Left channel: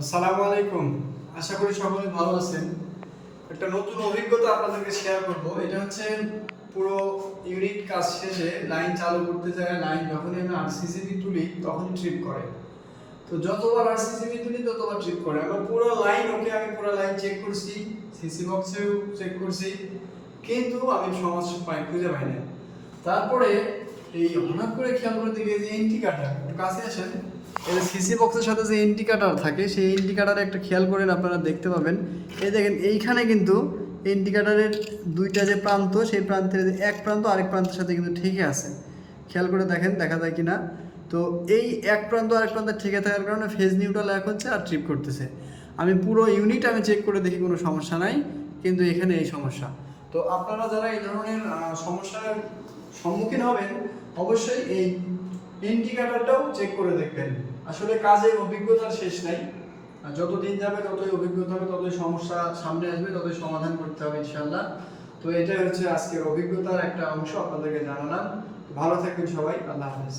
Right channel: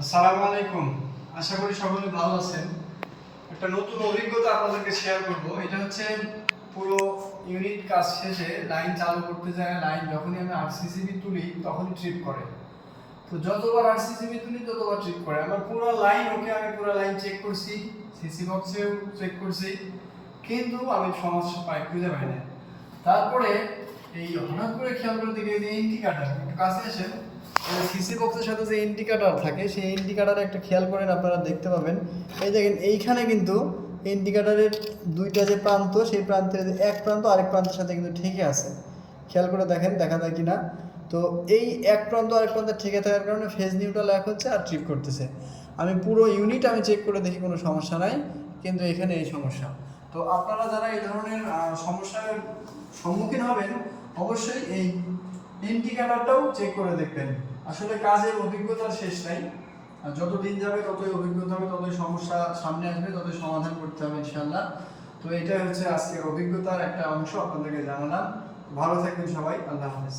আসসালামু আলাইকুম। আশা করি সকলে ভালো আছেন। একটা নতুন অভিজ্ঞতা আপনাদেরকে শেয়ার করব। এটা হচ্ছে পুরো ইউনিট কাজ শেষে লাইন চালু করতে যায়, লাইন যখনই আমি আরসিসিবি তুলি তখনই ট্রিপ করে। তো যতবার আরসিসিবি তুলি ততবার ট্রিপ করে। আমার পুরো লাইন ওকে, আমি পুরো লাইন চেক করছি, সিসি বক্সেও চেক করছি, কিন্তু আমি সমস্যা খুঁজে পাই না। তারপরে এই হঠাৎ করে খেয়াল করতে গিয়ে যে ইন্ডিকেটর কাছে আসেন, এটা সিসি বক্সের সাথে যে ইন্ডিকেটর থাকে সেই ইন্ডিকেটরে একটা খেয়াল করেন, আপনারা দেখতে পাবেন এই দেখেন এইখানে কিন্তু ইন্ডিকেটরের দুইটা যে প্রান্ত, সেই প্রান্তের যে এক প্রান্ত আরেক প্রান্তের সাথে কিন্তু ঠিকই আছে। খেয়াল করে দেখেন দেখা যায় কিনা। তো এই এক প্রান্ত আরেক প্রান্তে ঠিকই থাকার কারণে ফেজ নিউট্রাল এক হচ্ছে আর ট্রিপ করতেছে। আমি পুরো ইউনিট আমি চেক করে দেখি কোনো সমস্যা নাই, কিন্তু এখানে এই সমস্যা। তো আপনারা যারা এই ধরনের সমস্যার সম্মুখীন হবেন অবশ্যই এই ইন্ডিকেটরটাও চেক করে দেখবেন। আসলে কাজের অভিজ্ঞতার শেষ নাই, আর যত দিন যাবে ততই অভিজ্ঞতা হবে, ততই সমস্যা সামনে আসবে, ততই সমাধান করতে হবে ইনশাআল্লাহ। তো এটাই হচ্ছে আজকের অভিজ্ঞতার একটা অংশ আপনাদেরকে জানালাম। ভালো থাকবেন সবাই, আল্লাহ হাফেজ।